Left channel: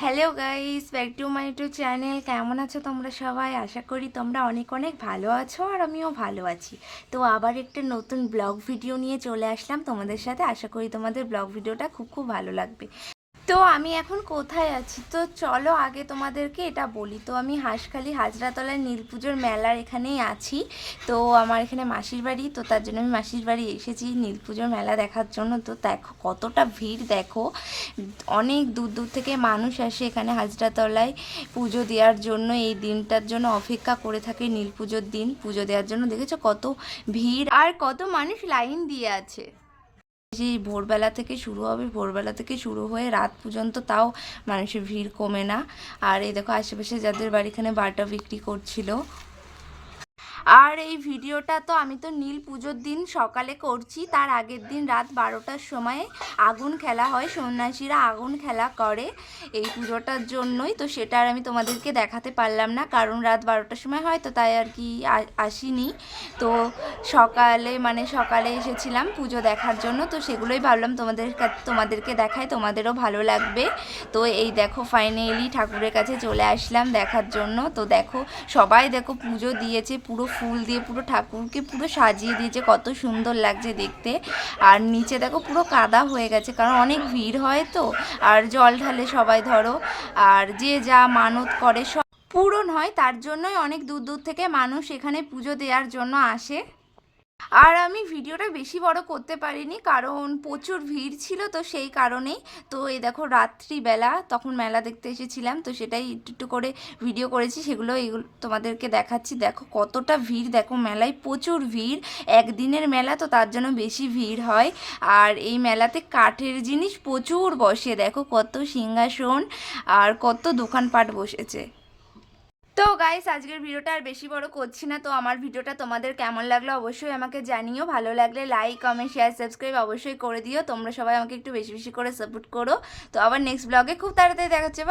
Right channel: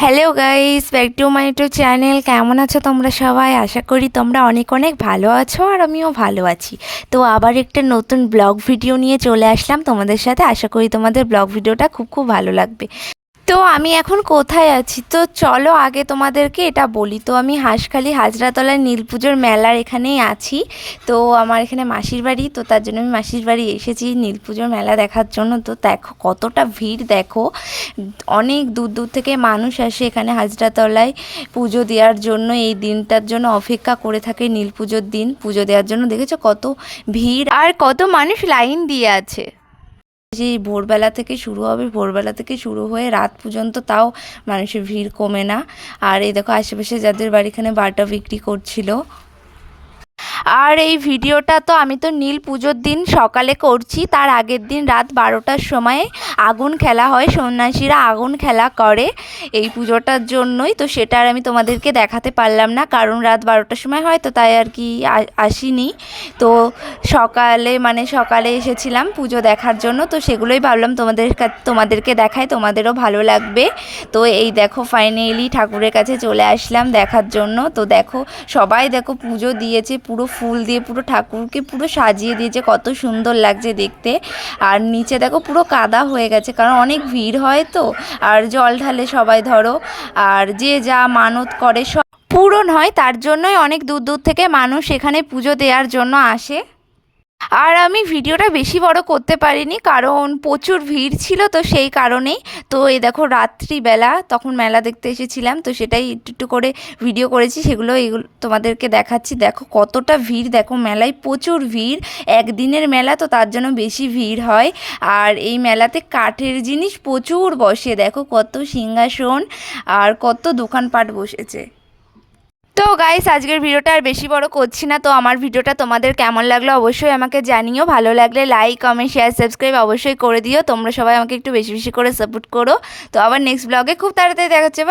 Hello guys, back to my YouTube channel. কেমন আছো তোমরা সবাই? আশা করি তোমরা অনেক অনেক ভালো আছো, আর আমিও ভালো আছি। তো আবার একটা নতুন ব্লগ ভিডিও নিয়ে চলে আসলাম তোমাদের সাথে। আশা করি তোমাদের ব্লগ ভিডিওটা খুব খুব ভালো লাগবে। তো আমি এখন কোথায় আছি, তো চলো আগে তোমাদেরকে এটা বলি। তো আমি হাঁসখালি হাজরাতলায় নীলপুজোর মেলার এখানেই আছি। তো আমার এখানে মাসির বাড়ি, তো তার জন্য আমি মাসির বাড়ি এসেছি নীলপুজোর মেলা দেখার জন্য। তো দেখো কতটা ভিড়, দেখো অনেক দূর দূর থেকে মানুষ আসে এখানে হাজরাতলায় পুজো দেওয়ার জন্য। এই দিনটার জন্য অপেক্ষা করে থাকে, নীলপুজোর দিন পুজো দেওয়ার জন্য। দেখেছো কত ভিড় আর কত মানুষ লাইন দিয়ে আছে। যে ভোরবেলা থেকে শুরু হবে, ভোরবেলা থেকে শুরু হয়ে রাত পর্যন্ত, তাও মানুষের ভিড় কমে না। আর এই দেখো আশেপাশে যাদের বাড়িখানে বাটা বিক্রি করছিল। আর এই ভিডিওটা তো আমি তো নীল পুজোর দিন সকালে করছি, তার আগের দিন রাত 12টার সময় আগুন খেলা হয়, সন্ন্যাসীরা আগুন খেলা করে এই পুজোটার জন্যই। তো সেটা আর আমি তোমাদেরকে দেখাতে পারলাম না, কারণ রাত 12টার সময় হয়, তো তাই আর কি আসিনি। তো সকালে এসেছিলাম পুজো দেখার জন্য, তো সেগুলোই ভাবলাম তোমাদেরকে দেখাই, তোমাদেরও ভালো লাগবে। তো এই দেখো ফাইনালি ঠাকুরের কাছে চলে আসলাম দেখার জন্য। তো দেখো সবাই দেখো পুজো দিয়েছে, পুরো ফুল দিয়ে পুরো ঠাকুরকে পুরো সাজিয়ে দিয়েছে, কত সুন্দর লাগছে দেখতে। আর নিচে দেখো পুরো কাদা হয়ে গেছে, কারণ অনেক ভিড় হয় তো। আর জল ঢালে সবাই ধরো, আর যে যা মানত করে সব পূরণ হয়, তার জন্যই অনেক দূর দূর থেকে মানুষ এখানে পুজো দেওয়ার জন্য আসে। আর আমি ভিডিওটা বেশি বড় করতে পারিনি, কারণ প্রচুর ভিড় ছিল, তো সেই কারণেই। তো এই দেখো রাত্রিবেলা তখন মেলা দেখতে এসেছিলাম, তো সেটাই একটু একটু করে ভিডিও করেছি, এগুলো তোমাদেরকে দেখাচ্ছি। দেখো কতটা ভিড়, দেখো মেলায় প্রচুর ভিড়। একদিনের মেলা তো তার জন্য বেশি ভিড় হয়। আর এই মেলাতে কাঠের জিনিস প্রচুর বসে, দেখো কত সিংহাসন আর কত দোকানপাট বসেছে। তো গাইস, আজকের ভিডিওটা আর বেশি বড় করছি না। তো আমার ভিডিওটা তোমাদের কেমন লাগলো অবশ্যই আমাকে জানিও। ভালো লাগলে লাইক কমেন্ট শেয়ার সাবস্ক্রাইব অবশ্যই করে দিও। তোমরা সবাই আমাকে একটু বেশি বেশি করে সাপোর্ট করো। তো আবার নেক্সট ব্লগে খুব তাড়াতাড়ি দেখা হচ্ছে।